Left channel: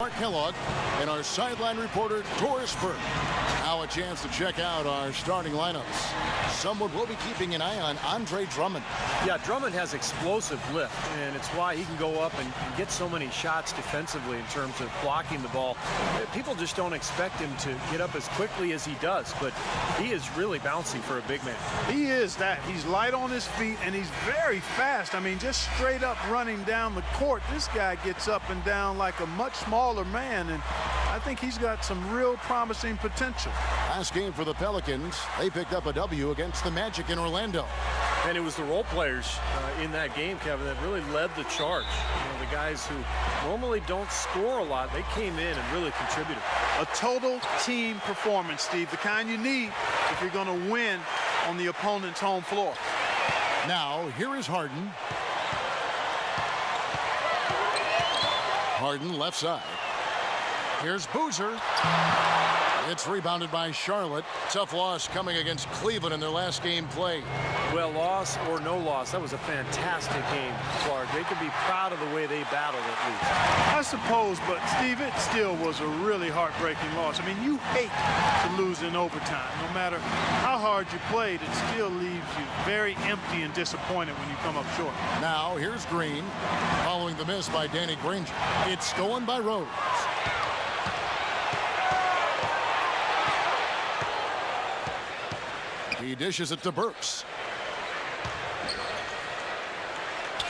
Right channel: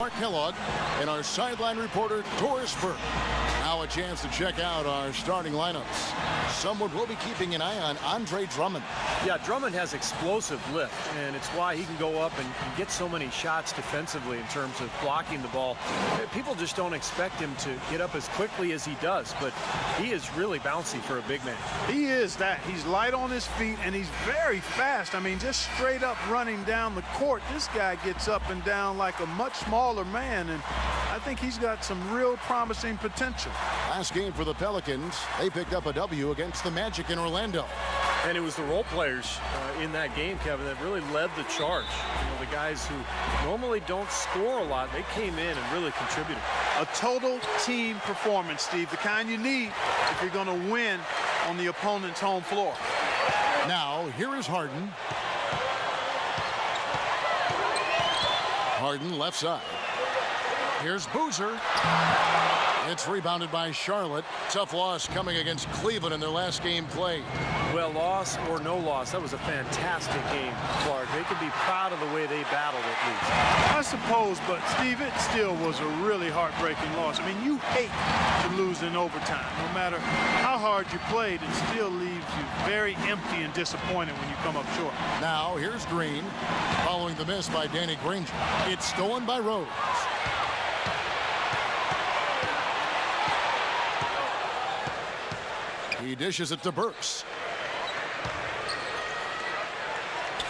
Mark Kellogg and our sideline reporter Doris Burke. Now a chance to check out our starting lineups. Someone will be keeping an eye on Andre Drummond. Yeah, Drummond has explosive lift, and it's why he can go up and get so many shots defensively in terms of blocking the ball. People just don't expect him to get up as quickly as he does, but he is really bouncy for a big man. He is that. He's light on his feet, and he's very fast. I mean, just straight up running down the court. This guy gets up and down like a much smaller man, and I think he's got some real promising potential. Last game for the Pelicans, they picked up a W against the Magic in Orlando. And it was the role players in that game, Kevin, that really led the charge. You know, the guys who normally don't score a lot, they came in and really contributed. A total team performance, Steve, the kind you need if you're going to win on the opponent's home floor. Now, here is Harden. Harden left side. Here's Boozer. It's rebounded by Charlotte. Tough loss coming against Cleveland in their last game played. Well, loss or no loss, that was a fantastic game, Clark. They can be proud of the way they battled at least. I suppose, but Steve, it still was a really heartbreaking loss. I mean, you hate to lose in overtime. No matter how hard you played, it still leaves you very empty and disappointed when you come up short. Now, here's Green. Following the miss by Danny Granger. It's stolen by Rose. He dishes it to Burks.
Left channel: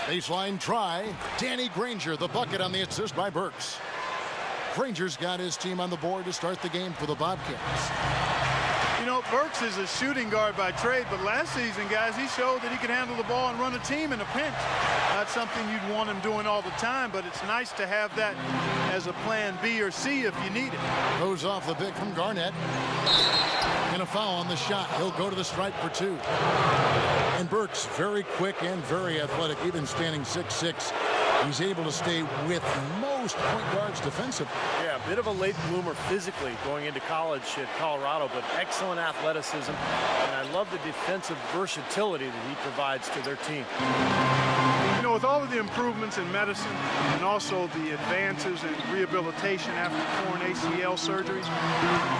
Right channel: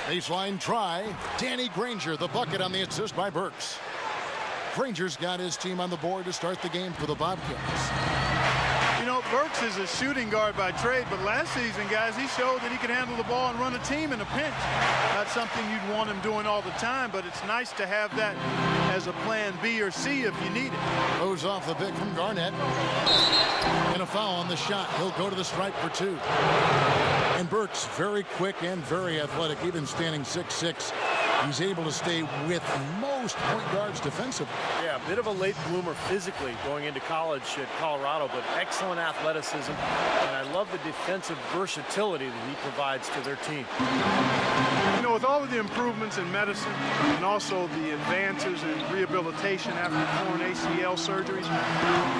Baseline try. Danny Granger, the bucket on the assist by Burks. Granger's got his team on the board to start the game for the Bobcats. You know, Burks is a shooting guard by trade, but last season, guys, he showed that he could handle the ball and run a team in a pinch. Not something you'd want him doing all the time, but it's nice to have that as a plan B or C if you need it. Goes off the pick from Garnett. And a foul on the shot. He'll go to the stripe for two. And Burks, very quick and very athletic, even standing 6'6". He's able to stay with most point guards defensively. Yeah, a bit of a late bloomer physically going into college at Colorado, but excellent athleticism. And I love the defensive versatility that he provides to their team. You know, with all of the improvements in medicine and also the advances in rehabilitation after torn ACL surgeries,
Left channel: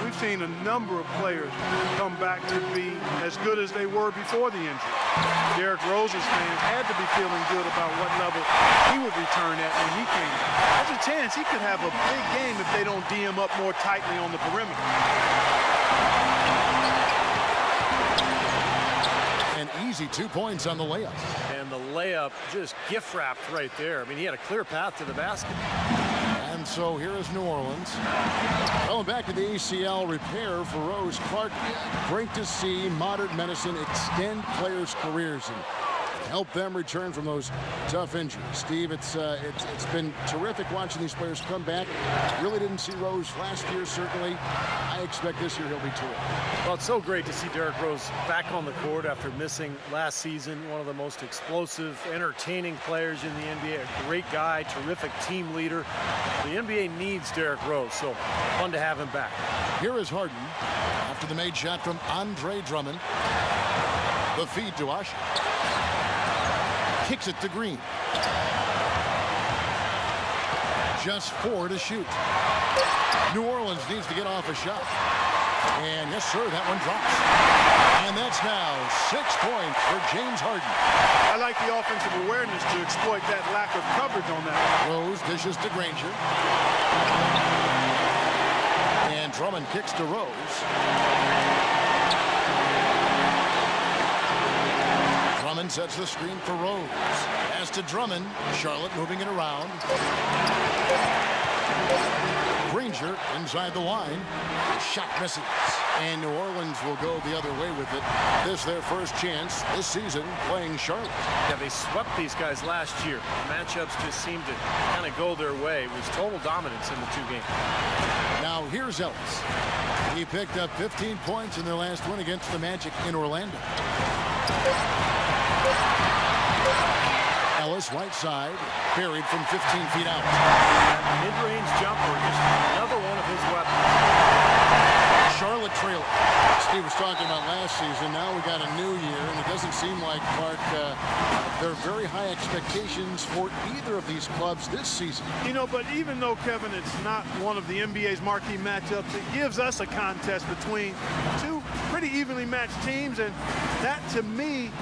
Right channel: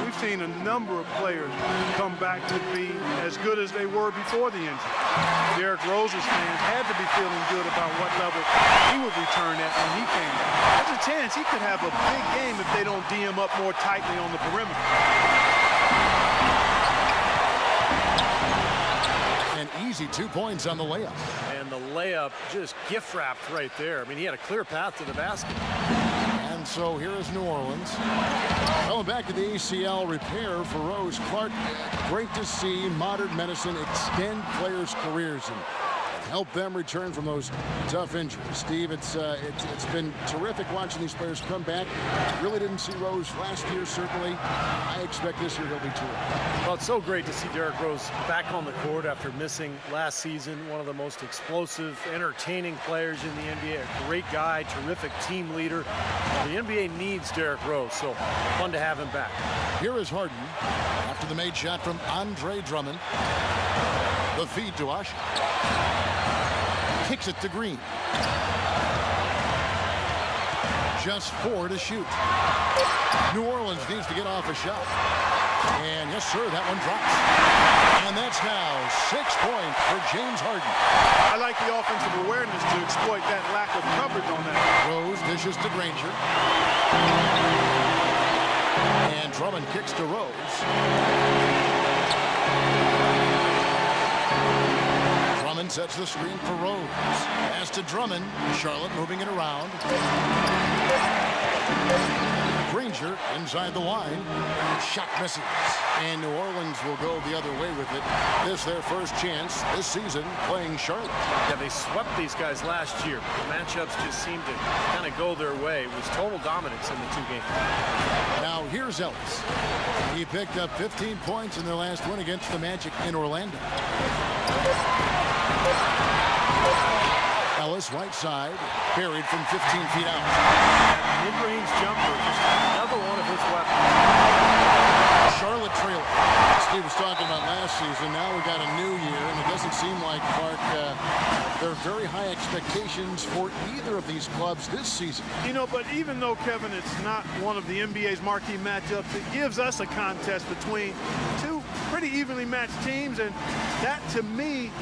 we've seen a number of players come back to be as good as they were before the injury. Derrick Rose's fans had to be feeling good about what level he would return at when he came back. There's a chance he could have a big game if they don't D him up more tightly on the perimeter. An easy 2 points on the layup. And the layup just gift wrapped right there. I mean, he had a clear path to the basket. And so here is New Orleans. Going back to the ACL repair for Rose. Clark, great to see modern medicine extend players' careers and help them return from those tough injuries. Steve, it's been terrific watching these players come back. Really didn't see Rose last year, certainly. I expect this year he'll be terrific. Well, it's so great to see Derrick Rose back on the court after missing last season. One of the most explosive, entertaining players in the NBA. A great guy, terrific team leader. The NBA needs Derrick Rose, so fun to have him back. Here is Harden after the made shot from Andre Drummond. The feed to Usher. Kicks it to Green. Just 4 to shoot. New Orleans needs to get off a shot. And yes, sir, that one drops. And that's now 6 points for James Harden. I like the offensive awareness to exploit that lack of coverage on that. Rose dishes to Granger. And Drummond kicks to Rose. Drummond sets the screen for Rose. Pass to Drummond. Charlotte moving it around. Granger inside the line. Shot misses. And New Orleans will go the other way with it. This their first chance this season playing Charlotte. Yeah, they swept these guys last year. The matchups just seemed to kind of go their way. It was total dominance in the two games. Now here's Ellis. He picked up 15 points in their last win against the Magic in Orlando. Ellis right side, buried from 15 feet out. mid-range jumper, just another one of his weapons. Charlotte trailer. Steve was talking about last season. Now we got a new year, and it doesn't seem like, Clark, there are very high expectations for either of these clubs this season. You know, but even though, Kevin, it's not one of the NBA's marquee matchups, it gives us a contest between two pretty evenly matched teams, and that, to me,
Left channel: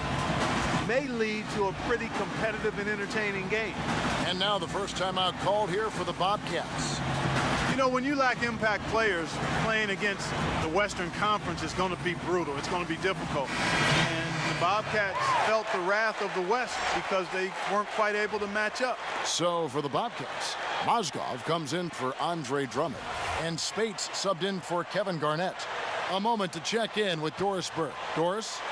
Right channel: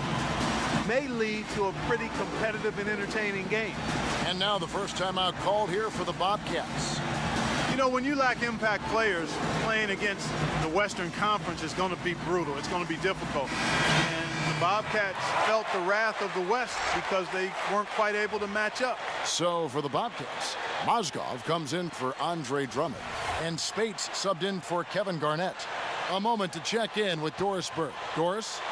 may lead to a pretty competitive and entertaining game. And now the first timeout called here for the Bobcats. You know, when you lack impact players, playing against the Western Conference is going to be brutal. It's going to be difficult. And the Bobcats felt the wrath of the West because they weren't quite able to match up. So for the Bobcats, Mozgov comes in for Andre Drummond, and Spates subbed in for Kevin Garnett. A moment to check in with Doris Burke. Doris?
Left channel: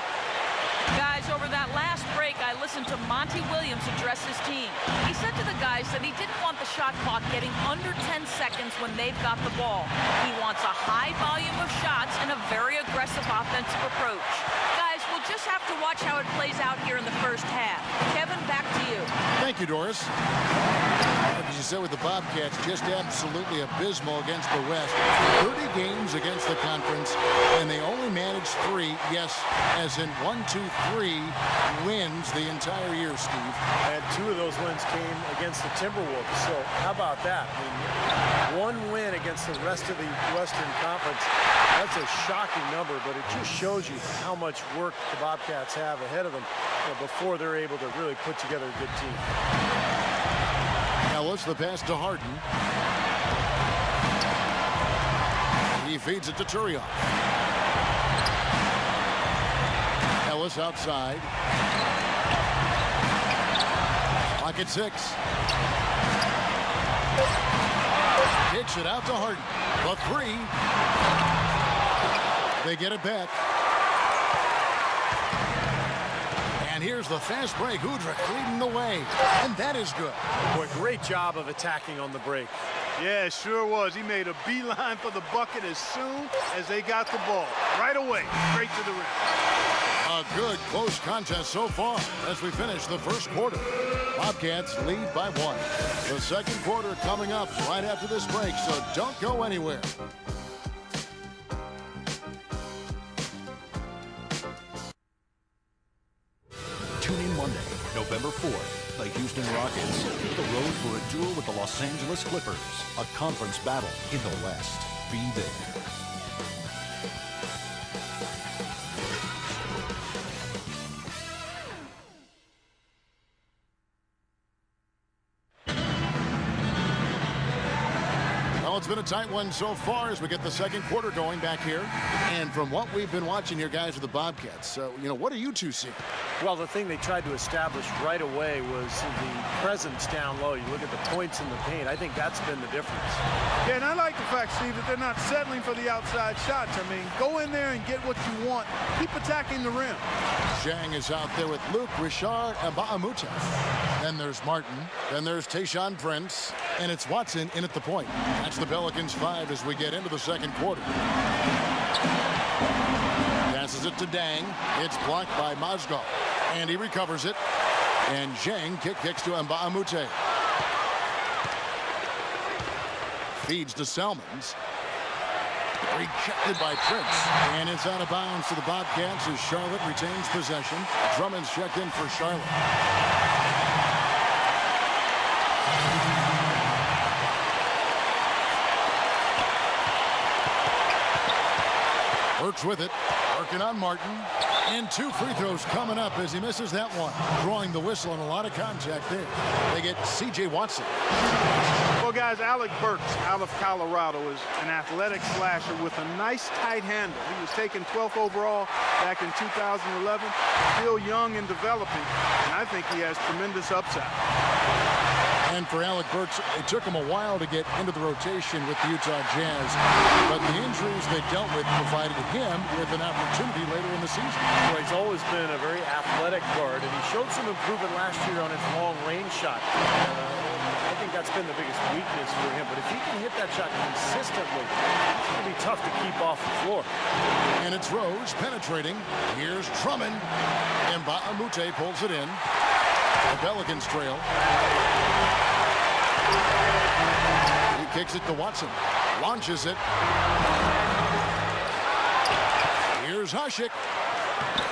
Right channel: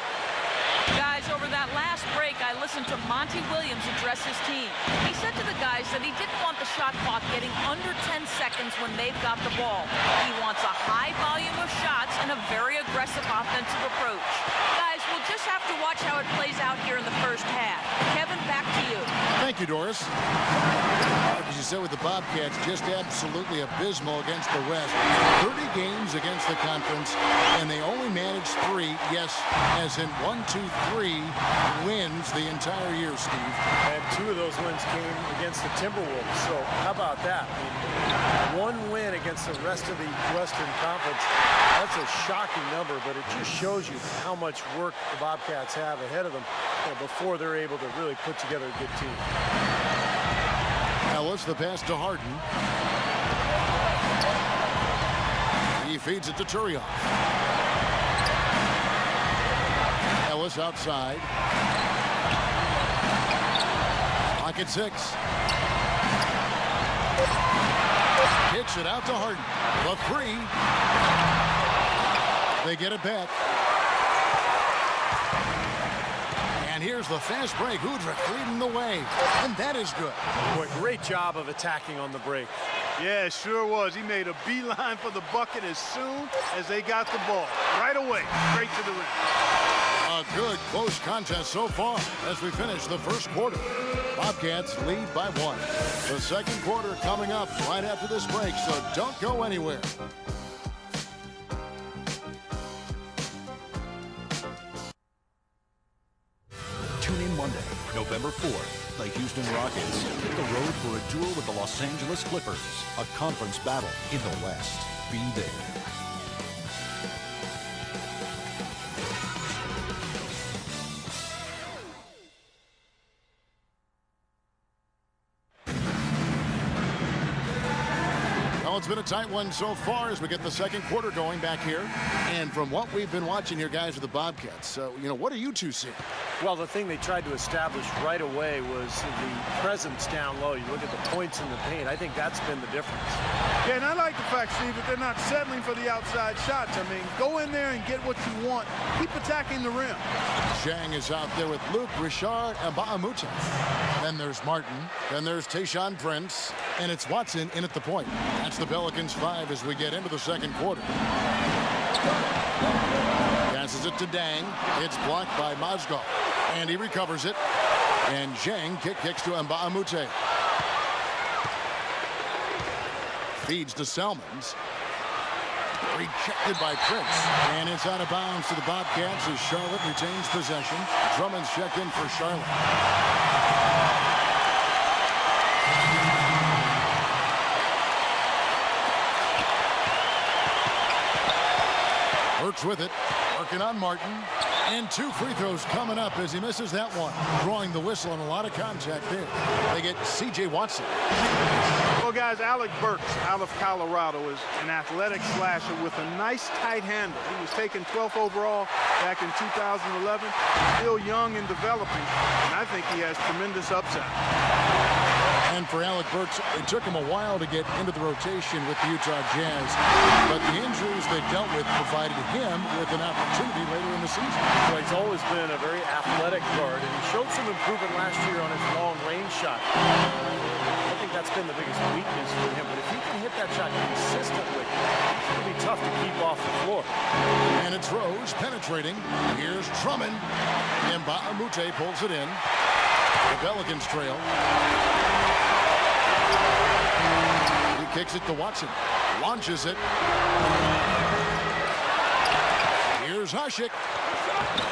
Guys, over that last break, I listened to Monty Williams address his team. He said to the guys that he didn't want the shot clock getting under 10 seconds when they've got the ball. He wants a high volume of shots and a very aggressive offensive approach. Guys, we'll just have to watch how it plays out here in the first half. Kevin, back to you. Thank you, Doris. As you said with the Bobcats, just absolutely abysmal against the West. 30 games against the conference, and they only managed 3, yes, as in 1, 2, 3 wins the entire year, Steve. And 2 of those wins came against the Timberwolves. So how about that? I mean, 1 win against the rest of the Western Conference. That's a shocking number, but it just shows you how much work the Bobcats have ahead of them, before they're able to really put together a good team. Ellis, the pass to Harden. He feeds it to Turioff. Ellis outside. Clock at 6. Kicks it out to Harden. The 3. They get it back. And here's the fast break. Udrih leading the way. And that is good. Boy, great job of attacking on the break. Yeah, it sure was. He made a beeline for the bucket as soon as they got the ball. Right away, straight to the rim. A good close contest so far as we finish the first quarter. Bobcats lead by 1. The second quarter coming up right after this break, so don't go anywhere. Tune in Monday, November 4th. The Houston Rockets hit the road for a duel with the Los Angeles Clippers. A conference battle in the West. Be there. Well, it's been a tight one so far as we get the second quarter going back here. And from what we've been watching here, guys, with the Bobcats, what are you two seeing? Well, the thing they tried to establish right away was the presence down low. You look at the points in the paint. I think that's been the difference. Yeah, and I like the fact, Steve, that they're not settling for the outside shots. I mean, go in there and get what you want. Keep attacking the rim. Zhang is out there with Luke, Richard, and Ba'amute. Then there's Martin. Then there's Tayshaun Prince. And it's Watson in at the point. That's the Pelicans 5 as we get into the second quarter. Passes it to Dang. It's blocked by Mozgov. And he recovers it. And Zhang kicks to Mba'amute. Feeds to Salmons. Rejected by Prince. And it's out of bounds to the Bobcats as Charlotte retains possession. Drummond's checked in for Charlotte. Burke's with it. Working on Martin. And 2 free throws coming up as he misses that one. Drawing the whistle and a lot of contact there. They get C.J. Watson. Well, guys, Alec Burks out of Colorado is an athletic slasher with a nice tight handle. He was taken 12th overall back in 2011. Still young and developing, and I think he has tremendous upside. And for Alec Burks, it took him a while to get into the rotation with the Utah Jazz. But the injuries they dealt with provided him with an opportunity later in the season. Well, he's always been a very athletic guard, and he showed some improvement last year on his long-range shot. I think that's been the biggest weakness for him. But if he can hit that shot consistently, it's going to be tough to keep off the floor. And it's Rose penetrating. Here's Drummond. And Mba'amute pulls it in. The Pelicans trail. kicks it to Watson. Launches it. Here's Hasek.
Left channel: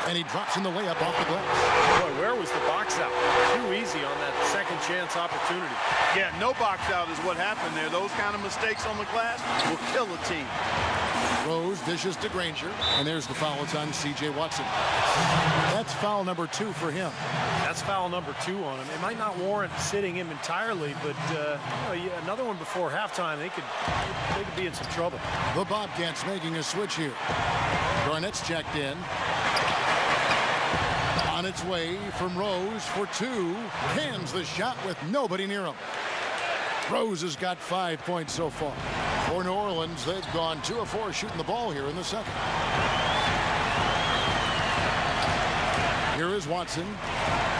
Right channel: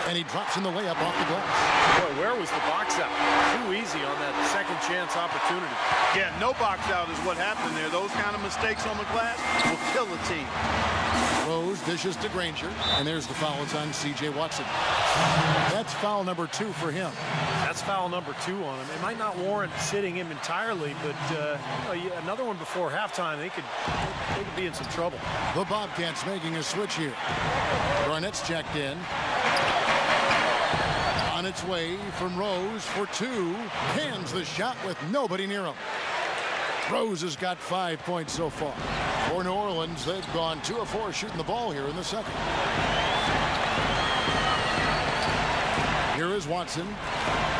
And he drops in the layup off the glass. Boy, where was the box out? Too easy on that second chance opportunity. Yeah, no box out is what happened there. Those kind of mistakes on the glass will kill a team. Rose dishes to Granger, and there's the foul. It's on C.J. Watson. That's foul number 2 for him. That's foul number 2 on him. It might not warrant sitting him entirely, but another one before halftime, they could be in some trouble. The Bobcats making a switch here. Garnett's checked in. On its way from Rose for 2. Cans the shot with nobody near him. Rose has got 5 points so far. For New Orleans, they've gone 2 of 4 shooting the ball here in the second. Here is Watson.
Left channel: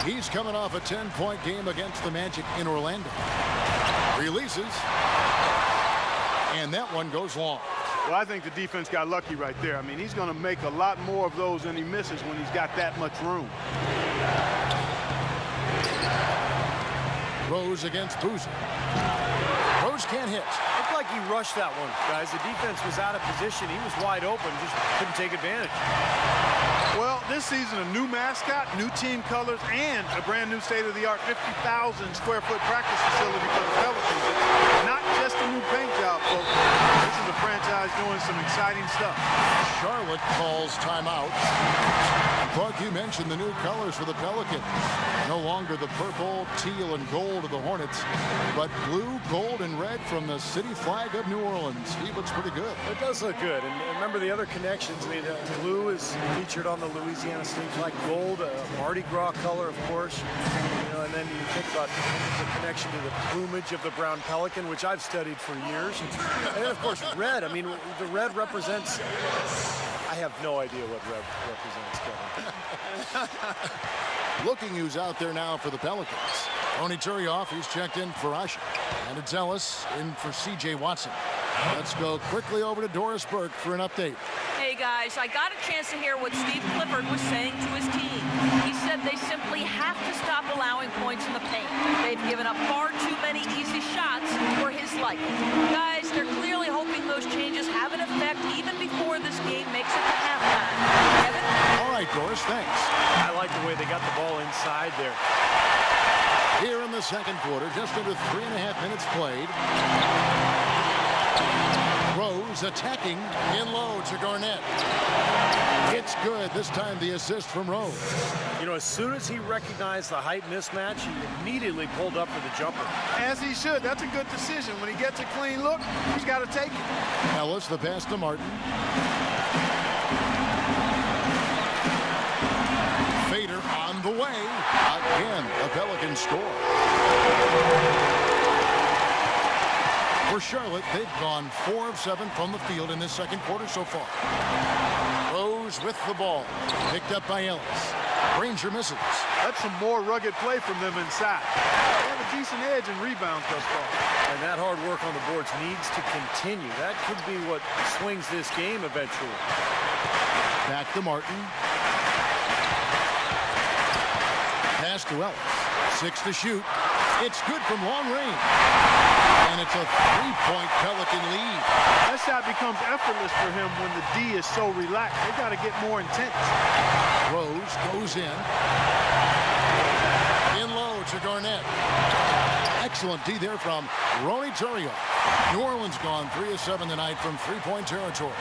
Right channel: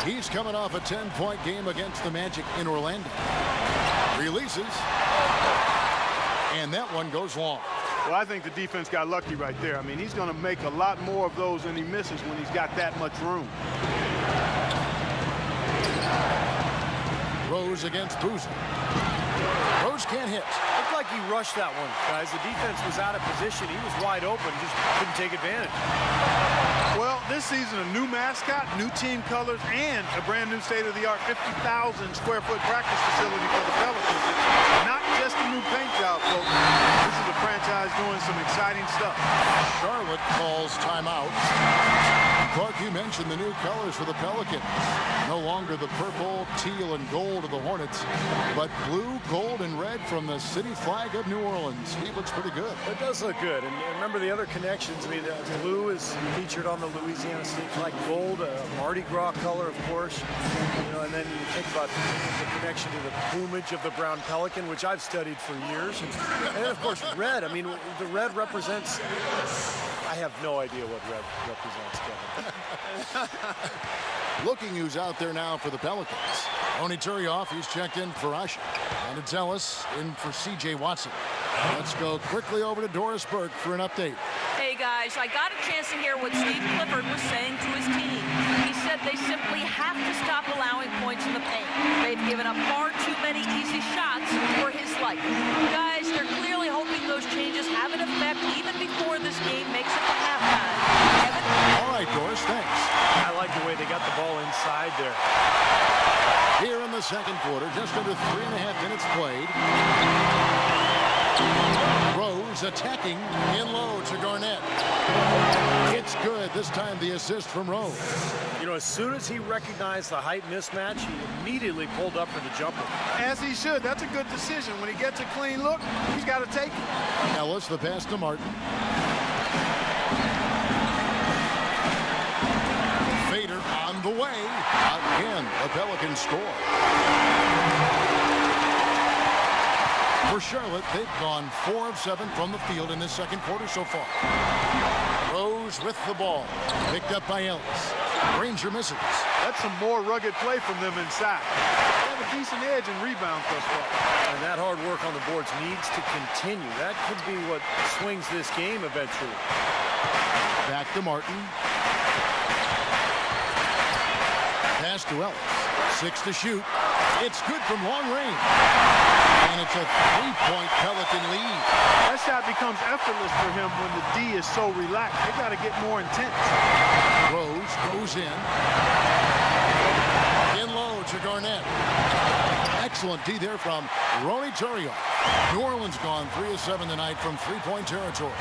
He's coming off a 10-point game against the Magic in Orlando. Releases. And that one goes long. Well, I think the defense got lucky right there. I mean, he's going to make a lot more of those than he misses when he's got that much room. Rose against Boozer. Rose can't hit. Looked like he rushed that one, guys. The defense was out of position. He was wide open, just couldn't take advantage. Well, this season, a new mascot, new team colors, and a brand new state-of-the-art 50,000 square foot practice facility for the Pelicans. It's not just a new paint job, folks. This is a franchise doing some exciting stuff. Charlotte calls timeout. Clark, you mentioned the new colors for the Pelicans. No longer the purple, teal, and gold of the Hornets, but blue, gold, and red from the city flag of New Orleans. He looks pretty good. It does look good. And remember the other connections. I mean, the blue is featured on the Louisiana state flag. Gold, Mardi Gras color, of course. You know, and then you think about the connection to the plumage of the brown pelican, which I've studied for years. And then, of course, red. I mean, the red represents... I have no idea what red represents, Kevin. Looking who's out there now for the Pelicans. Ronny Turioff, he's checked in for Usher. And it's Ellis in for C.J. Watson. Let's go quickly over to Doris Burke for an update. Hey guys, I got a chance to hear what Steve Clifford was saying to his team. He said they simply have to stop allowing points in the paint. They've given up far too many easy shots for his liking. Guys, they're clearly hoping those changes have an effect even before this game makes it to halftime. Kevin? All right, Doris, thanks. I like the way they got the ball inside there. Here in the second quarter, just under 3.5 minutes played. Rose attacking in low to Garnett. It's good. This time the assist from Rose. You know, as soon as he recognized the height mismatch, he immediately pulled up for the jumper. As he should. That's a good decision. When he gets a clean look, he's got to take it. Ellis, the pass to Martin. Fader on the way. Again, the Pelicans score. For Charlotte, they've gone 4 of 7 from the field in this second quarter so far. Rose with the ball. Picked up by Ellis. Granger misses. That's some more rugged play from them inside. They have a decent edge and rebound thus far. And that hard work on the boards needs to continue. That could be what swings this game eventually. Back to Martin. Pass to Ellis. 6 to shoot. It's good from long range. And it's a 3-point Pelican lead. That shot becomes effortless for him when the D is so relaxed. They got to get more intense. Rose goes in. In low to Garnett. Excellent D there from Ronny Turioff. New Orleans gone 3 of 7 tonight from 3-point territory.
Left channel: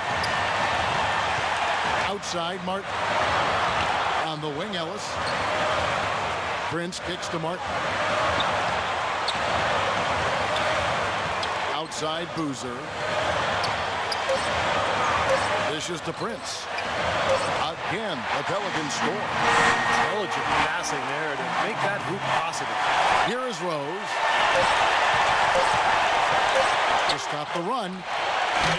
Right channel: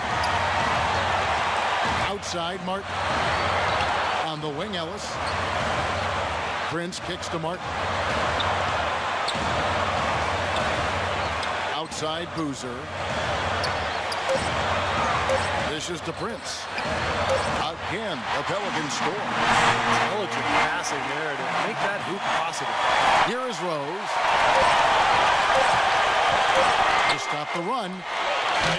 Outside Martin. On the wing, Ellis. Prince kicks to Martin. Outside Boozer. Dishes to Prince. Again, the Pelicans score. Intelligent passing there to make that hoop possible. Here is Rose. To stop the run.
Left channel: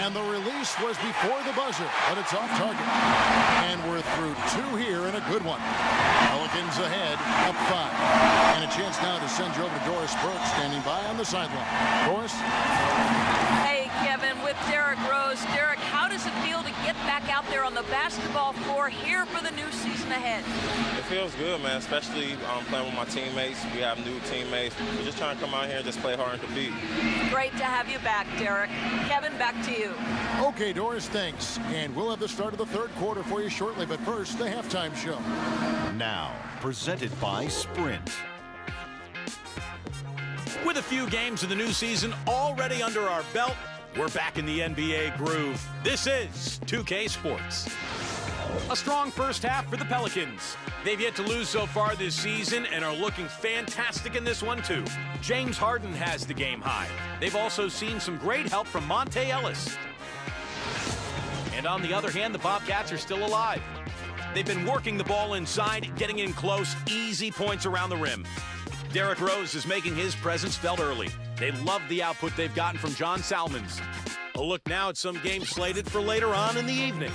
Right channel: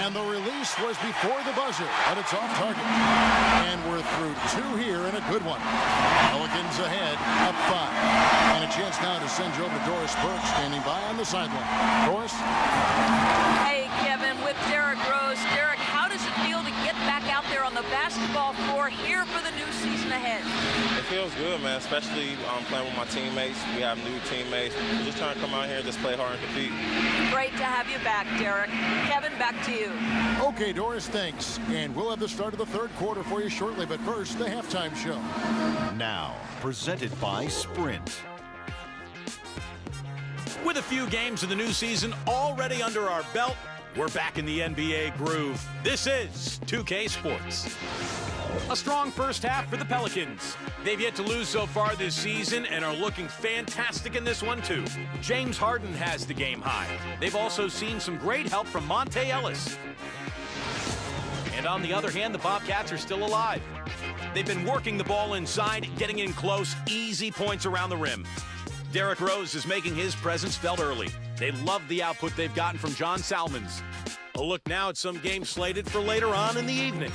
And the release was before the buzzer, but it's off target. And we're through 2 here and a good one. Pelicans ahead, up 5. And a chance now to send you over to Doris Burke, standing by on the sideline. Doris? Hey, Kevin, with Derrick Rose. Derrick, how does does it feel to get back out there on the basketball floor here for the new season ahead? It feels good, man, especially playing with my teammates. We have new teammates. We're just trying to come out here and just play hard and compete. Great to have you back, Derrick. Kevin, back to you. Okay, Doris, thanks. And we'll have the start of the third quarter for you shortly, but first, the halftime show. Now, presented by Sprint. With a few games of the new season already under our belt, we're back in the NBA groove. This is 2K Sports. A strong first half for the Pelicans. They've yet to lose so far this season and are looking fantastic in this one, too. James Harden has the game high. They've also seen some great help from Monte Ellis. And on the other hand, the Bobcats are still alive. They've been working the ball inside, getting in close, easy points around the rim. Derrick Rose is making his presence felt early. They love the output they've gotten from John Salmons. A look now at some games slated for later on in the evening.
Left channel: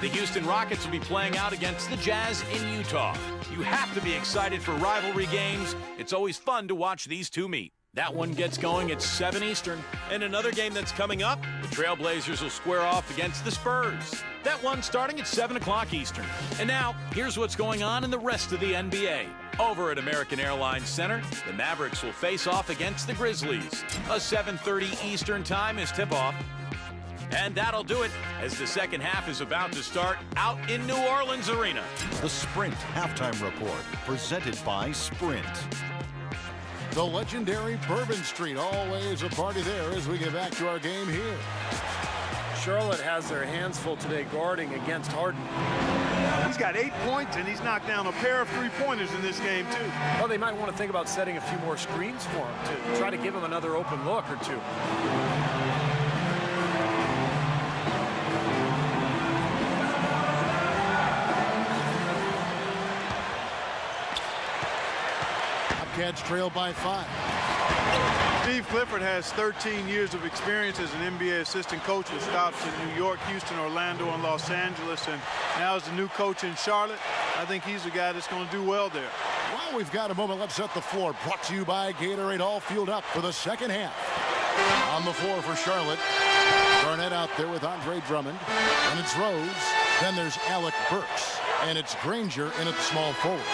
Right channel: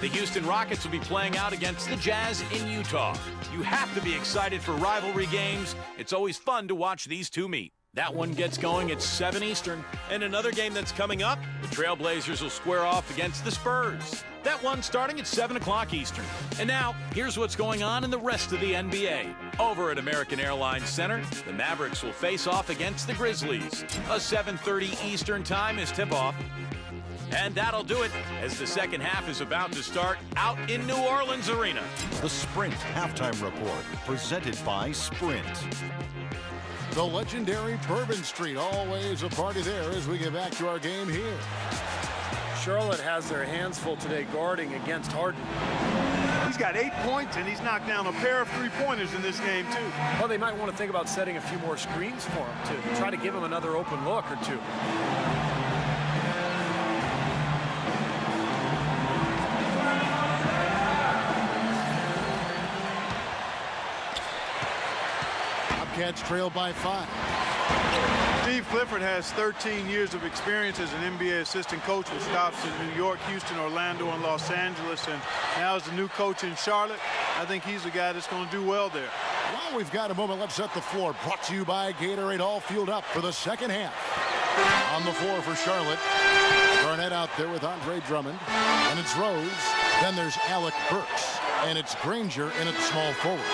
The Houston Rockets will be playing out against the Jazz in Utah. You have to be excited for rivalry games. It's always fun to watch these two meet. That one gets going at 7 Eastern. And another game that's coming up, the Trailblazers will square off against the Spurs. That one starting at 7 o'clock Eastern. And now, here's what's going on in the rest of the NBA. Over at American Airlines Center, the Mavericks will face off against the Grizzlies. A 7:30 Eastern time is tip-off. And that'll do it as the second half is about to start out in New Orleans Arena. The Sprint Halftime Report, presented by Sprint. The legendary Bourbon Street, always a party there as we get back to our game here. Charlotte has their hands full today guarding against Harden. He's got 8 points, and he's knocked down a pair of three-pointers in this game, too. Well, they might want to think about setting a few more screens for him to try to give him another open look or two. Bobcats trail by 5. Steve Clifford has 13 years of experience as an NBA assistant coach with stops in New York, Houston, Orlando, and Los Angeles, and now as the new coach in Charlotte. I think he's the guy that's going to do well there. While we've got a moment, let's set the floor. Brought to you by Gatorade, all fueled up for the second half. On the floor for Charlotte, Garnett out there with Andre Drummond. Then it's Rose. Then there's Alec Burks. And it's Granger in at small forward.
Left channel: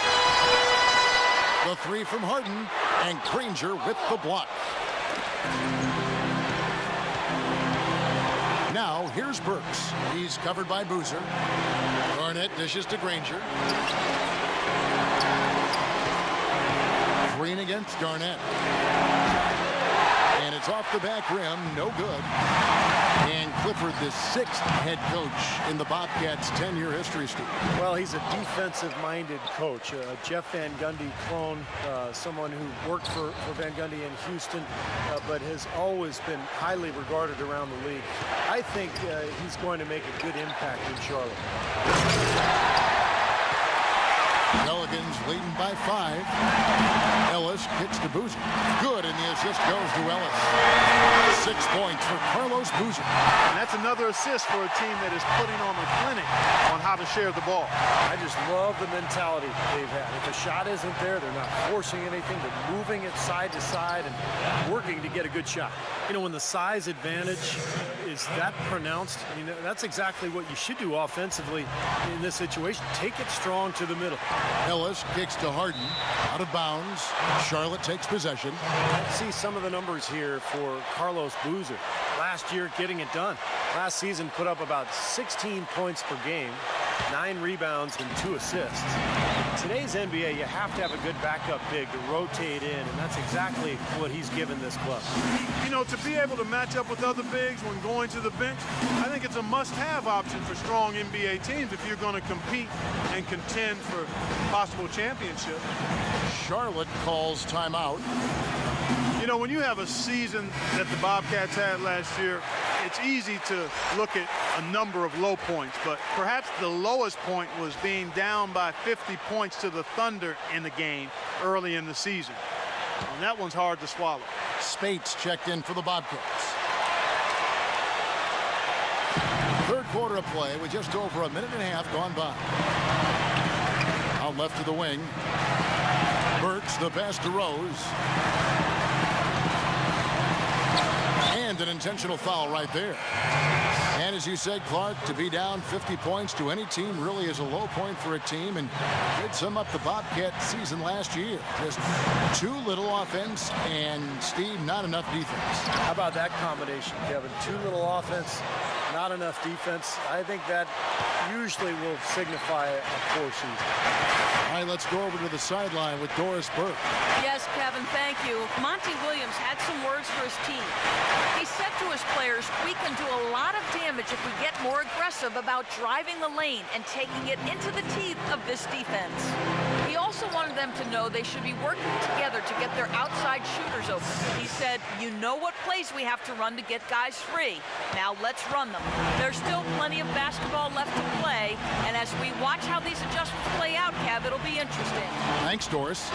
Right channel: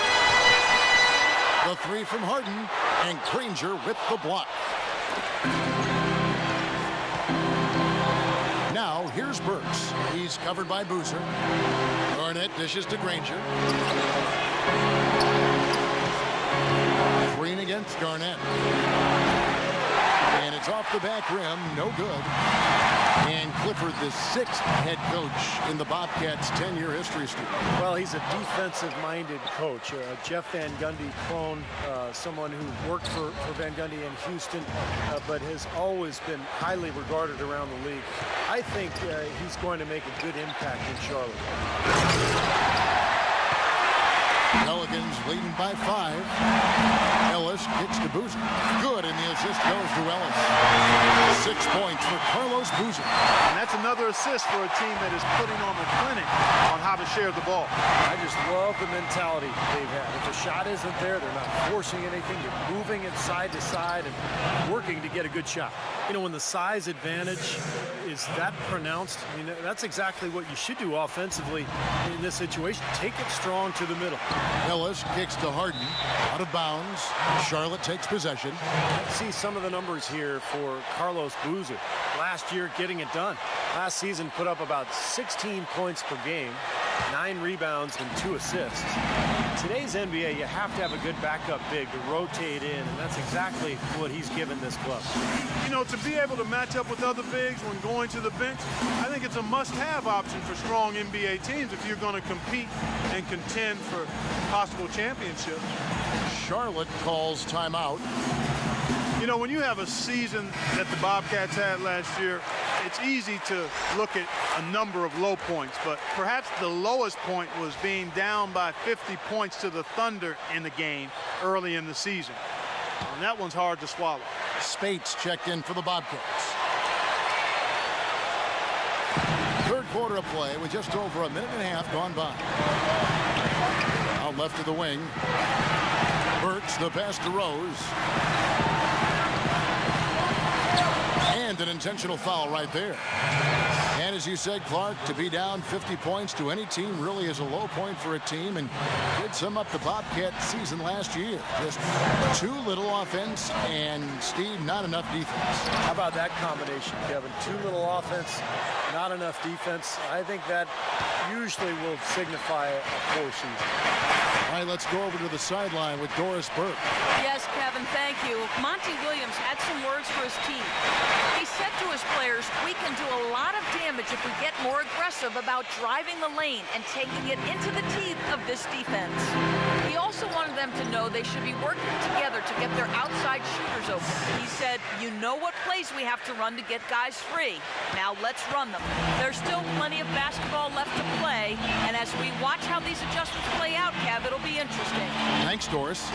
The three from Harden, and Granger with the block. Now, here's Burks. He's covered by Boozer. Garnett dishes to Granger. Green against Garnett. And it's off the back rim, no good. And Clifford, the 6th head coach in the Bobcats' 10-year history, Steve. Well, he's a defensive-minded coach. Jeff Van Gundy clone, someone who worked for Van Gundy in Houston, but has always been highly regarded around the league. I think he's going to make a good impact in Charlotte. Pelicans leading by 5. Ellis kicks to Boozer. Good, and the assist goes to Ellis. 6 points for Carlos Boozer. And that's another assist for a team that is putting on a clinic on how to share the ball. I just love the mentality they've had. If a shot isn't there, they're not forcing anything. They're moving it side to side and working to get a good shot. You know, when the size advantage is that pronounced, I mean, that's exactly what you should do offensively in this situation. Take it strong to the middle. Ellis kicks to Harden. Out of bounds. Charlotte takes possession. Let's see some of the numbers here for Carlos Boozer. Last year, getting it done. Last season, put up about 16 points per game, 9 rebounds, and 2 assists. Today's NBA, you have to have a good backup big to rotate in, and that's exactly what he's given this club. You know, to be able to match up with other bigs when going to the bench, I think it's a must-have option for strong NBA teams if you're going to compete and contend for possible championships. Charlotte calls timeout. You know, when you have a season that the Bobcats had last year, it's easy to look at a number of low points, but perhaps the lowest point was being down by 50 points to the Thunder in the game early in the season. And that one's hard to swallow. Spates checked in for the Bobcats. Third quarter of play with just over a minute and a half gone by. Out left to the wing. Burks, the pass to Rose. And an intentional foul right there. And as you said, Clark, to be down 50 points to any team really is a low point for a team, and did sum up the Bobcat season last year. Just too little offense and, Steve, not enough defense. How about that combination, Kevin? Too little offense, not enough defense. I think that usually will signify a poor season. All right, let's go over to the sideline with Doris Burke. Yes, Kevin, thank you. Monty Williams had some words for his team. He said to his players, we can do a lot of damage if we get more aggressive about driving the lane and taking it into the teeth of this defense. He also wanted them to know they should be working together to get their outside shooters open. He said, you know what plays we have to run to get guys free. Now let's run them. There's still plenty of basketball left to play, and as we watch how these adjustments play out, Kev, it'll be interesting. Thanks, Doris.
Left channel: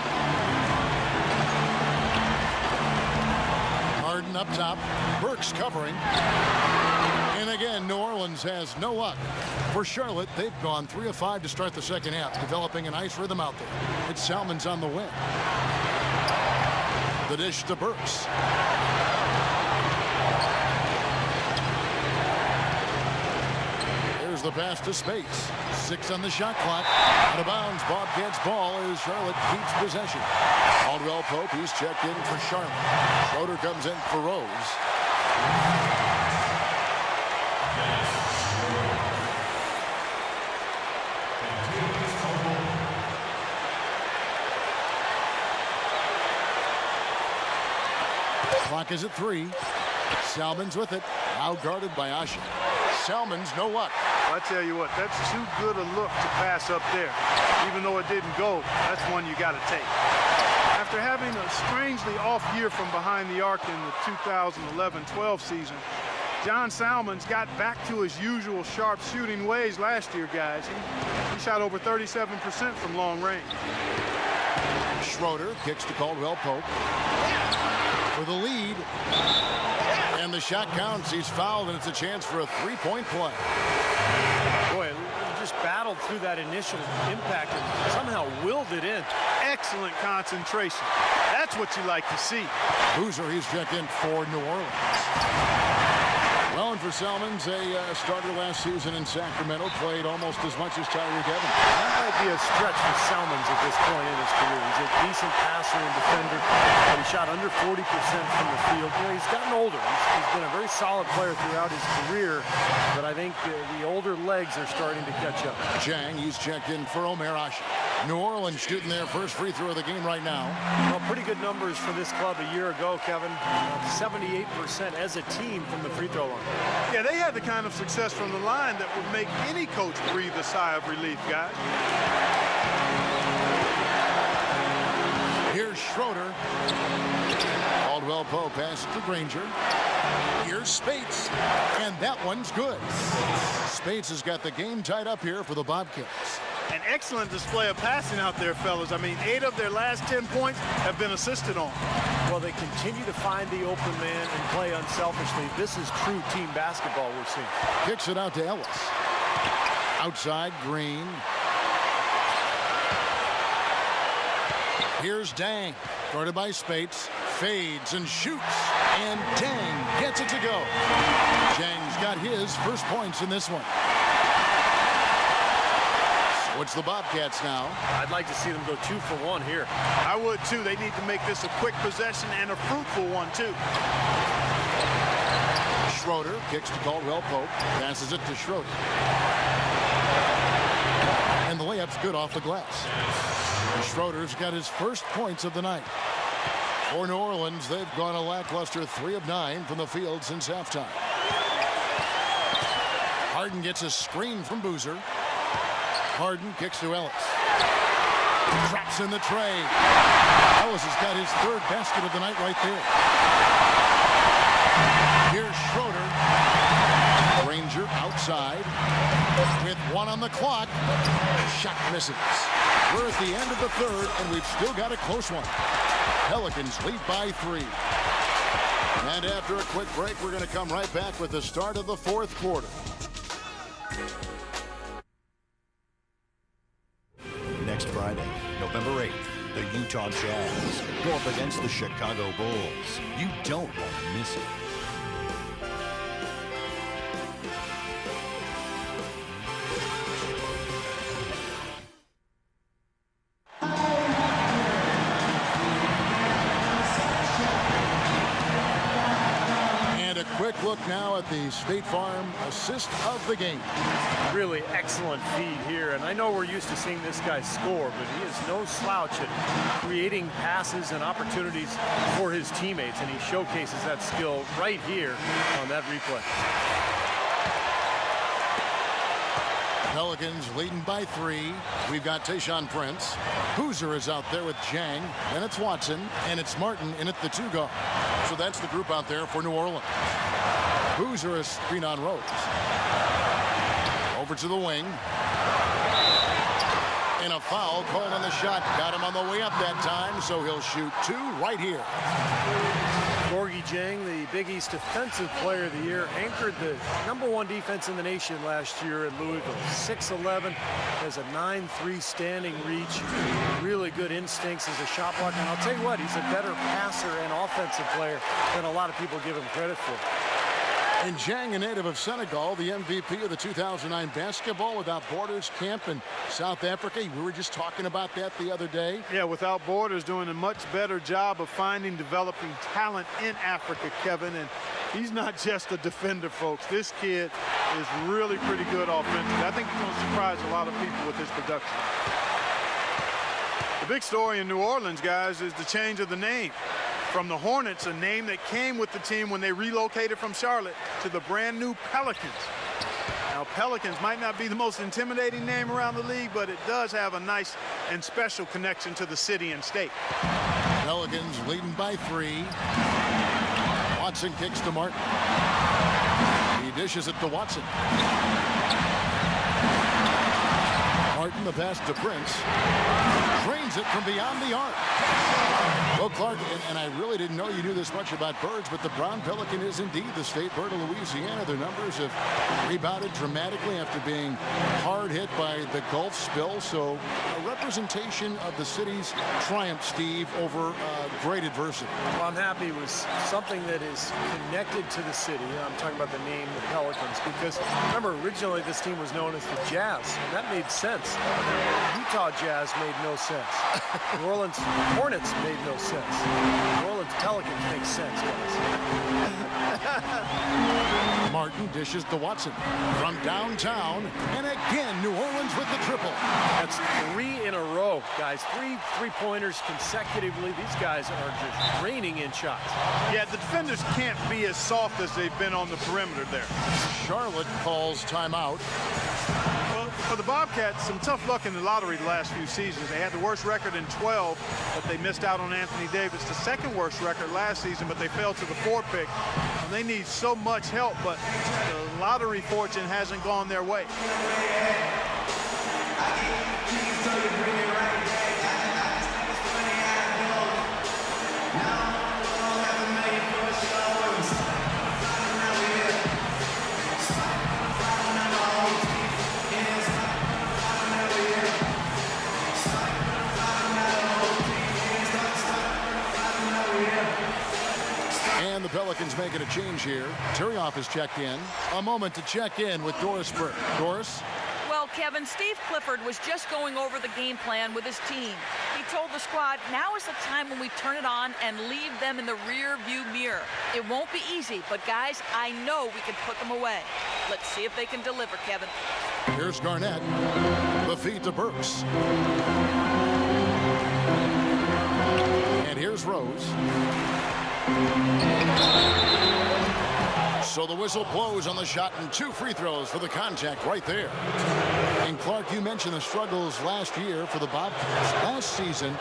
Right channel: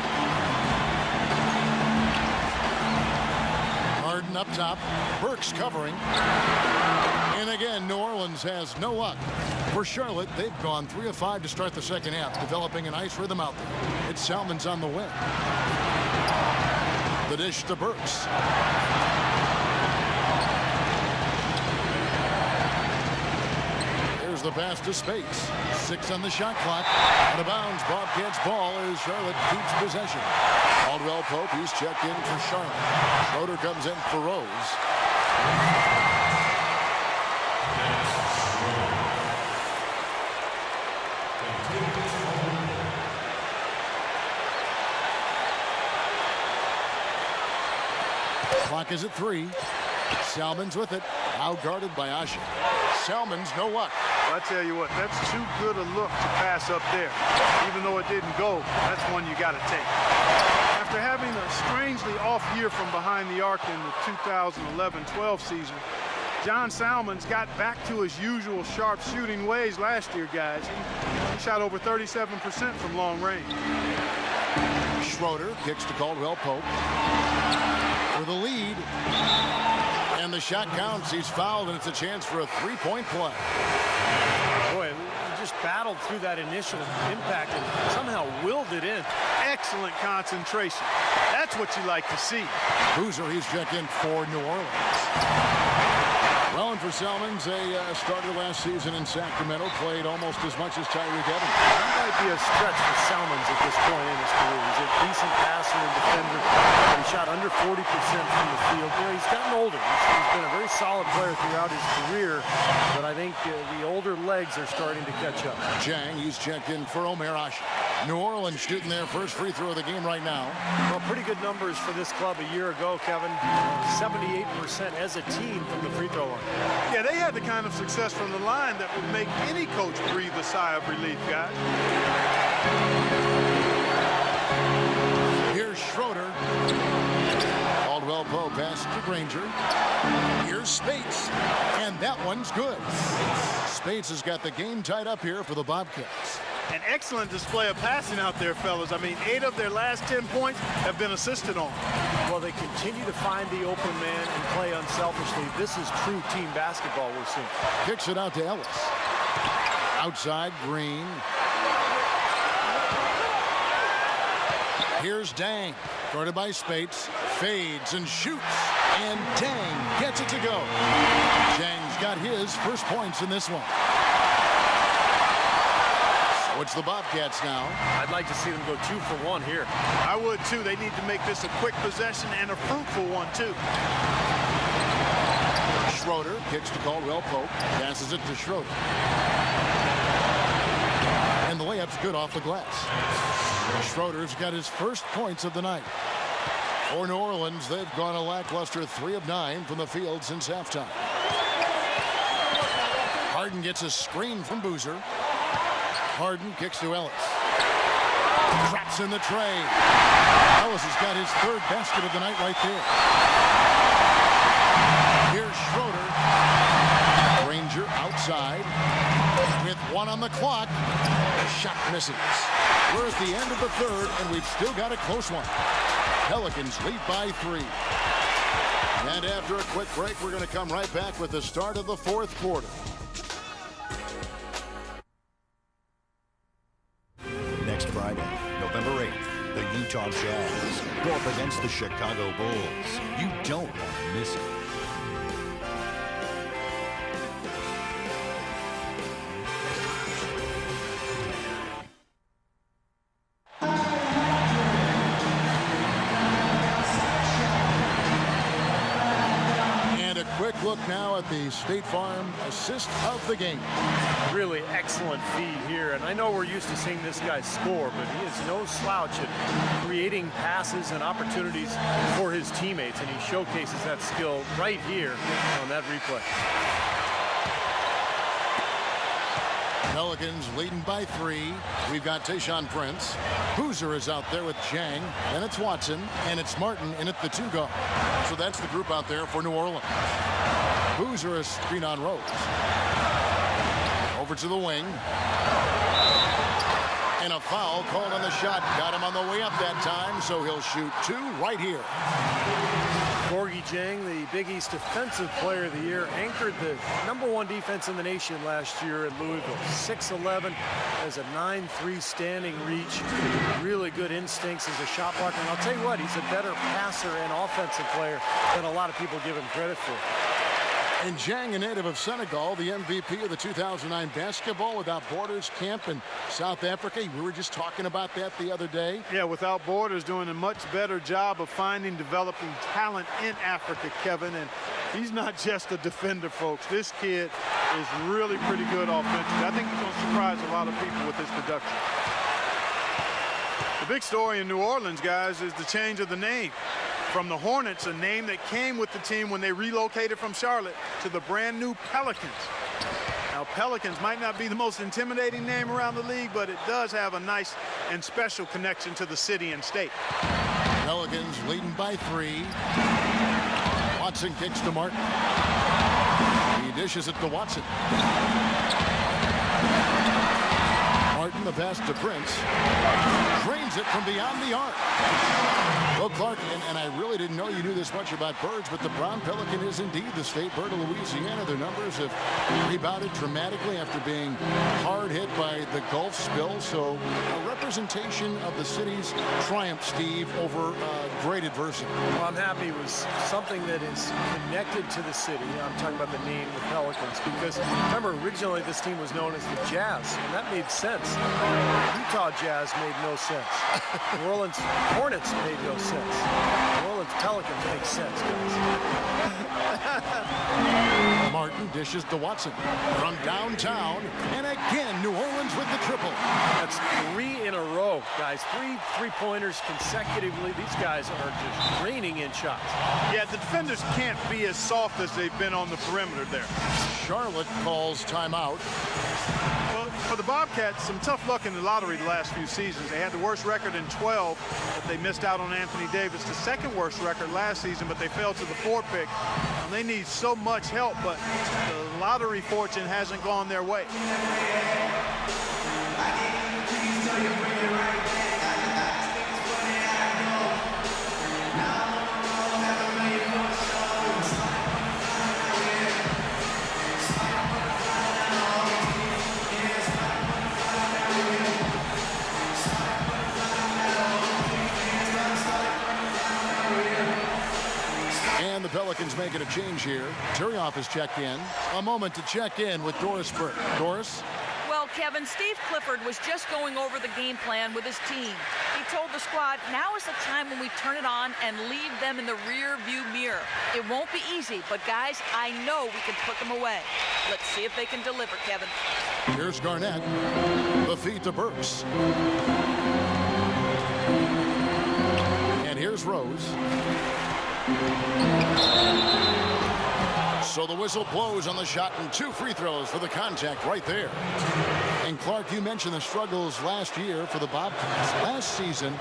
Harden up top. Burke's covering. And again, New Orleans has no luck. For Charlotte, they've gone 3 of 5 to start the second half, developing a nice rhythm out there. It's Salmon's on the wing. The dish to Burks. There's the pass to Spates. 6 on the shot clock. Out of bounds. Bobcats ball as Charlotte keeps possession. Caldwell Pope, he's checked in for Charlotte. Schroeder comes in for Rose. Clock is at 3. Salmon's with it. Now guarded by Asha. Salmon's no luck. I tell you what, that's too good a look to pass up there. Even though it didn't go, that's one you got to take. After having a strangely off year from behind the arc in the 2011-12 season, John Salmons got back to his usual sharp shooting ways last year, guys. He shot over 37% from long range. Schroeder kicks to Caldwell Pope for the lead. And the shot counts. He's fouled, and it's a chance for a three-point play. Boy, he just battled through that initial impact and somehow willed it in. Excellent concentration. That's what you like to see. Boozer, he's checked in for New Orleans. Well, and for Salmons, a starter last season in Sacramento, played almost as much as Tyreek Evans. That might be a stretch for Salmons at this point in his career. He's a decent passer and defender, but he shot under 40% from the field. You know, he's gotten older. He's been a very solid player throughout his career, but I think the older legs are starting to catch up. Chang, he's checked in for Omer Asha. New Orleans shooting their first free throw of the game right now. Well, pretty good numbers for this club a year ago, Kevin. 78% as a team from the free throw line. Yeah, they had the kind of success from the line that would make any coach breathe a sigh of relief, guys. Here's Schroeder. Caldwell Pope pass to Granger. Here's Spates, and that one's good. Spates has got the game tied up here for the Bobcats. An excellent display of passing out there, fellas. I mean, 8 of their last 10 points have been assisted on. Well, they continue to find the open man and play unselfishly. This is true team basketball we're seeing. Kicks it out to Ellis. Outside, Green. Here's Dang. Guarded by Spates. Fades and shoots. And Dang gets it to go. Jang's got his first points in this one. So it's the Bobcats now. I'd like to see them go 2 for 1 here. I would, too. They need to make this a quick possession and a fruitful one, too. Schroeder kicks to Caldwell Pope. Passes it to Schroeder. And the layup's good off the glass. Schroeder's got his first points of the night. For New Orleans, they've gone a lackluster 3 of 9 from the field since halftime. Harden gets a screen from Boozer. Harden kicks to Ellis. Drops in the tray. Ellis has got his 3rd basket of the night right there. Here's Schroeder. Granger outside with 1 on the clock. Shot misses. We're at the end of the 3rd, and we've still got a close one. Pelicans lead by 3. And after a quick break, we're going to come right back with the start of the 4th quarter. Next Friday, November 8th, the Utah Jazz go up against the Chicago Bulls. You don't want to miss it. And a quick look now at the State Farm assist of the game. Really excellent feed here, and I know we're used to seeing this guy score, but he is no slouch at creating passes and opportunities for his teammates, and he showcases that skill right here on that replay. Pelicans leading by 3. We've got Tayshaun Prince. Boozer is out there with Jang. Then it's Watson, and it's Martin in at the 2 guard. So that's the group out there for New Orleans. Boozer is screen on Rose. Over to the wing. And a foul called on the shot. Got him on the way up that time, so he'll shoot 2 right here. Gorgui Dieng, the Big East Defensive Player of the Year, anchored the #1 defense in the nation last year at Louisville. 6'11", has a 9'3" standing reach, really good instincts as a shot blocker. And I'll tell you what, he's a better passer and offensive player than a lot of people give him credit for. And Jang, a native of Senegal, the MVP of the 2009 Basketball Without Borders camp in South Africa. We were just talking about that the other day. Yeah, Without Borders doing a much better job of finding, developing talent in Africa, Kevin. And he's not just a defender, folks. This kid is really pretty good offensively. I think he's going to surprise a lot of people with his production. The big story in New Orleans, guys, is the change of the name. From the Hornets, a name that came with the team when they relocated from Charlotte, to the brand new Pelicans. Now, Pelicans might not be the most intimidating name around the league, but it does have a nice and special connection to the city and state. Pelicans leading by 3. Watson kicks to Martin. He dishes it to Watson. Martin, the pass to Prince. Drains it from beyond the arc. Well, Clark, and I really didn't know you knew this much about birds, but the brown pelican is indeed the state bird of Louisiana. Their numbers have rebounded dramatically after being hard hit by the Gulf spill. So a representation of the city's triumph, Steve, over great adversity. Well, I'm happy it was something that is connected to the city. I'm talking about the name, the Pelicans, because remember, originally this team was known as the Jazz, and that made sense. Utah Jazz made no sense. New Orleans Hornets made no sense. New Orleans Pelicans make sense, guys. Martin dishes to Watson from downtown, and again New Orleans with the triple. That's 3 in a row, guys. 3 3-pointers consecutively. These guys are just raining in shots. Yeah, the defenders can't be as soft as they've been on the perimeter there. Charlotte calls timeout. Well, for the Bobcats, some tough luck in the lottery the last few seasons. They had the worst record in 12, but they missed out on Anthony Davis. The second worst record last season, but they fell to the 4th pick. They need so much help, but the lottery fortune hasn't gone their way. And the Pelicans making a change here. Turioff is checked in. A moment to check in with Doris Burke. Doris? Well, Kevin, Steve Clifford was just going over the game plan with his team. He told the squad, now is the time when we turn it on and leave them in the rear view mirror. It won't be easy, but guys, I know we can put them away. Let's see if they can deliver, Kevin. Here's Garnett. The feed to Burks. And here's Rose. So the whistle blows on the shot, and 2 free throws for the contact right there. And Clark, you mentioned the struggles last year for the Bobcats. Last season,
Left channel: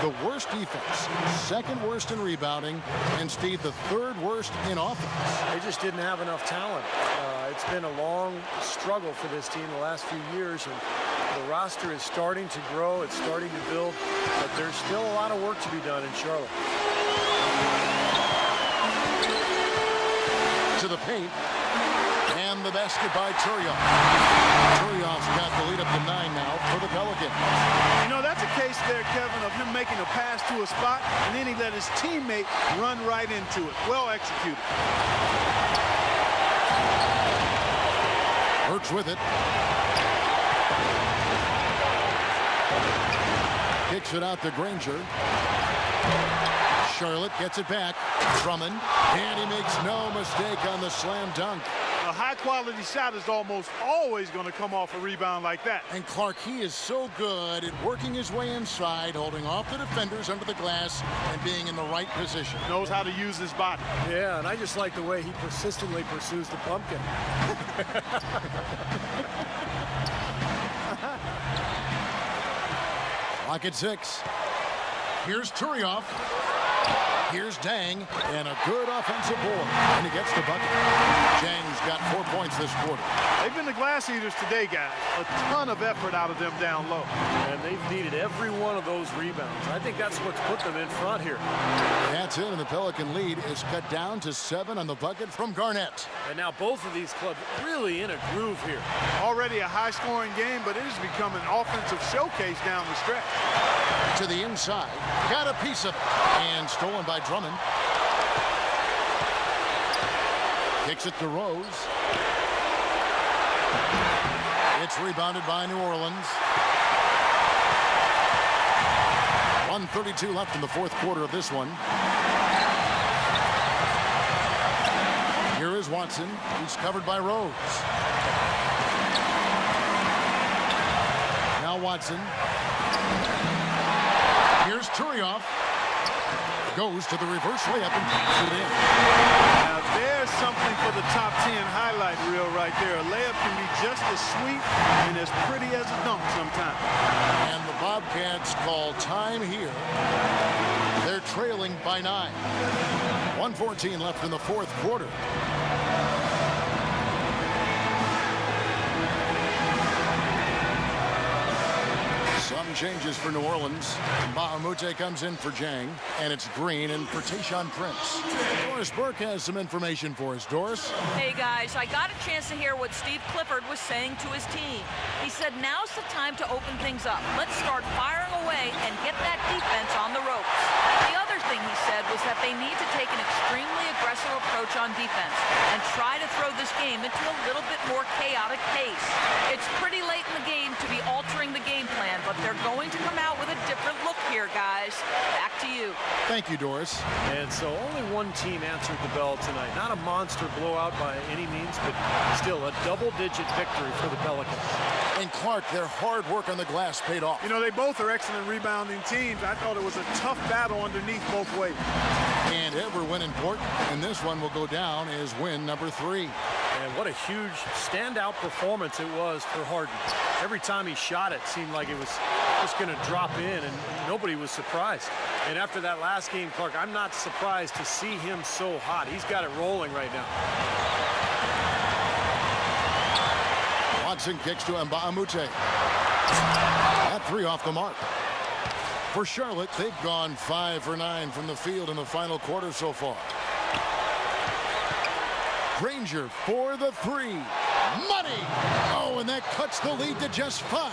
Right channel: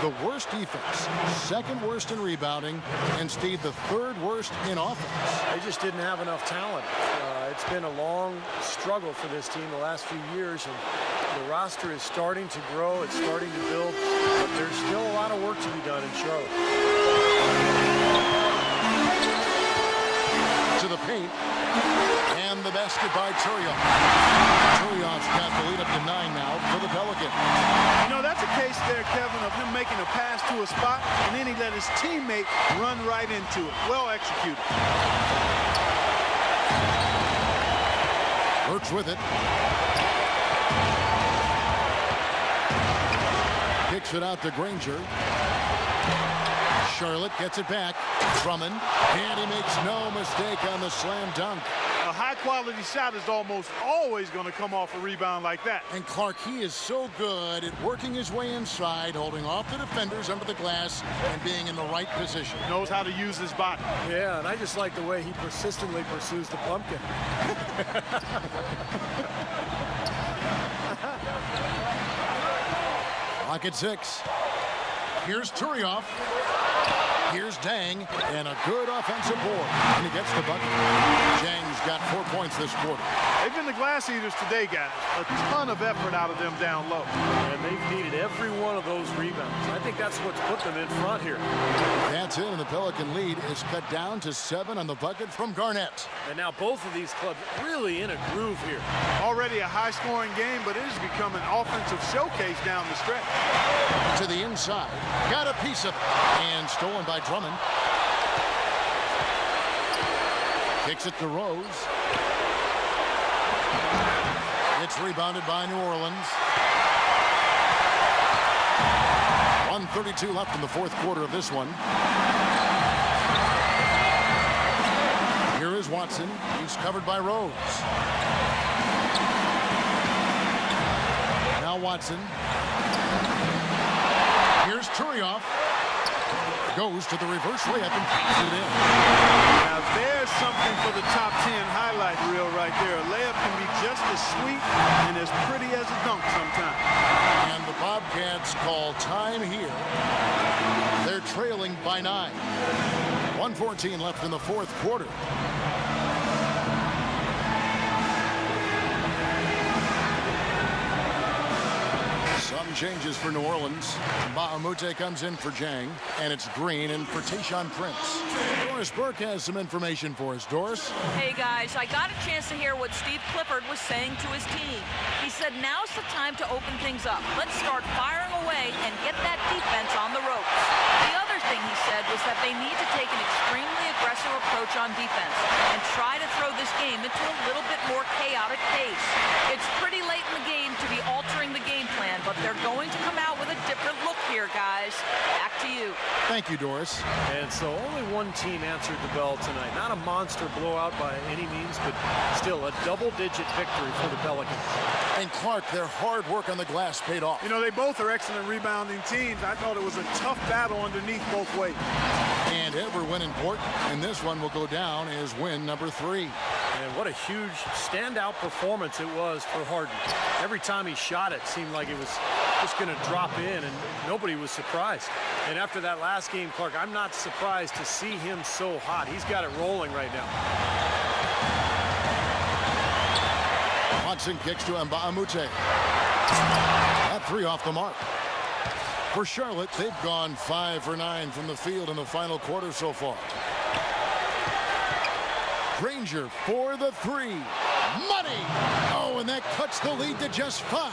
the worst defense, 2nd worst in rebounding, and Steve, the 3rd worst in offense. They just didn't have enough talent. It's been a long struggle for this team the last few years, and the roster is starting to grow. It's starting to build, but there's still a lot of work to be done in Charlotte. To the paint, and the basket by Turioff. Turioff's got the lead up to 9 now for the Pelicans. You know, that's a case there, Kevin, of him making a pass to a spot, and then he let his teammate run right into it. Well executed. Burks with it. Kicks it out to Granger. Charlotte gets it back. Drummond, and he makes no mistake on the slam dunk. A high-quality shot is almost always going to come off a rebound like that. And Clark, he is so good at working his way inside, holding off the defenders under the glass, and being in the right position. Knows how to use his body. Yeah, and I just like the way he persistently pursues the pumpkin. Clock at 6. Here's Turioff. Here's Dang, and a good offensive board, and he gets the bucket. Jang's got 4 points this quarter. They've been the glass eaters today, guys. A ton of effort out of them down low. And they've needed every one of those rebounds. I think that's what's put them in front here. That's it, and the Pelican lead is cut down to 7 on the bucket from Garnett. And now both of these clubs really in a groove here. Already a high-scoring game, but it has become an offensive showcase down the stretch. To the inside, got a piece of it, and stolen by Drummond. Kicks it to Rose. It's rebounded by New Orleans. 1:32 left in the fourth quarter of this one. Here is Watson. He's covered by Rose. Now Watson. Here's Turioff. Goes to the reverse layup and pops it in. Now there's something for the top 10 highlight reel right there. A layup can be just as sweet and as pretty as a dunk sometimes. And the Bobcats call time here. They're trailing by 9. 1:14 left in the fourth quarter. Some changes for New Orleans. Bahamute comes in for Jang, and it's Green in for Tayshaun Prince. Doris Burke has some information for us. Doris? Hey, guys, I got a chance to hear what Steve Clifford was saying to his team. He said, now's the time to open things up. Let's start firing away and get that defense on the ropes. The other thing he said was that they need to take an extremely aggressive approach on defense and try to throw this game into a little bit more chaotic pace. It's pretty late in the game to be altering the game plan, but they're going to come out with a different look here, guys. Back to you. Thank you, Doris. And so only one team answered the bell tonight. Not a monster blowout by any means, but still a double-digit victory for the Pelicans. And Clark, their hard work on the glass paid off. You know, they both are excellent rebounding teams. I thought it was a tough battle underneath both ways. And every win important, and this one will go down as win number 3. And what a huge standout performance it was for Harden. Every time he shot it seemed like it was just going to drop in, and nobody was surprised. And after that last game, Clark, I'm not surprised to see him so hot. He's got it rolling right now. Watson kicks to Mbaamute. That 3 off the mark. For Charlotte, they've gone 5 for 9 from the field in the final quarter so far. Granger for the 3. Money! Oh, and that cuts the lead to just 5.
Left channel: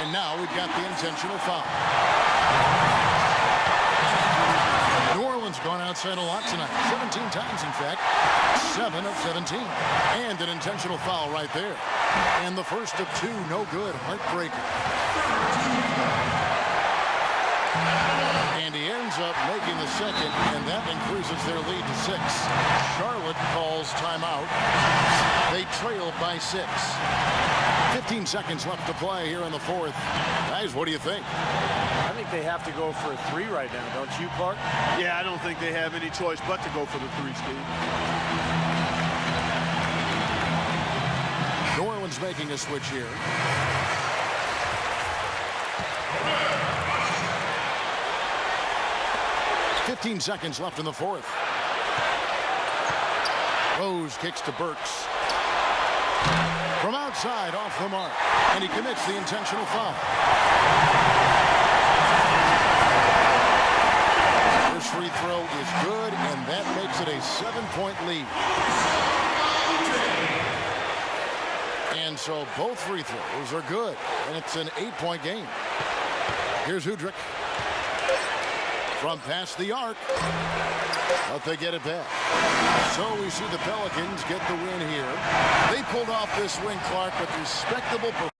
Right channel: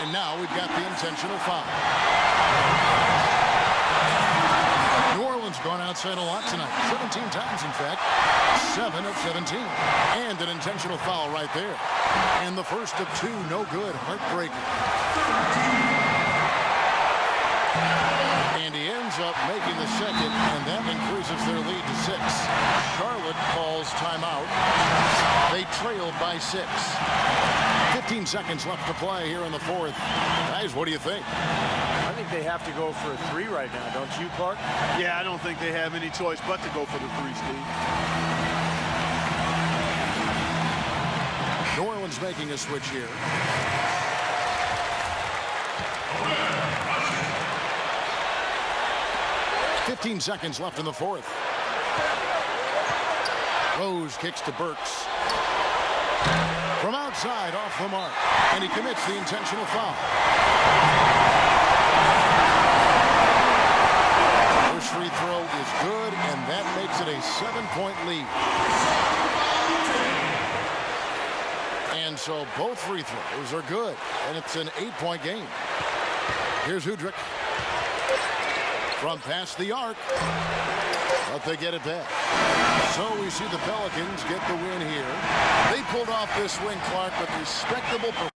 And now we've got the intentional foul. New Orleans gone outside a lot tonight. 17 times, in fact. 7 of 17. And an intentional foul right there. And the first of 2, no good. Heartbreaker. And he ends up making the second, and that increases their lead to 6. Charlotte calls timeout. They trail by 6. 15 seconds left to play here in the fourth. Guys, what do you think? I think they have to go for a 3 right now, don't you, Clark? Yeah, I don't think they have any choice but to go for the 3, Steve. New Orleans making a switch here. .15 seconds left in the fourth. Rose kicks to Burks. From outside, off the mark. And he commits the intentional foul. First free throw is good, and that makes it a 7-point lead. And so both free throws are good, and it's an 8-point game. Here's Udrich. From past the arc, but they get it back. So we see the Pelicans get the win here. They pulled off this win, Clark, with respectable performance.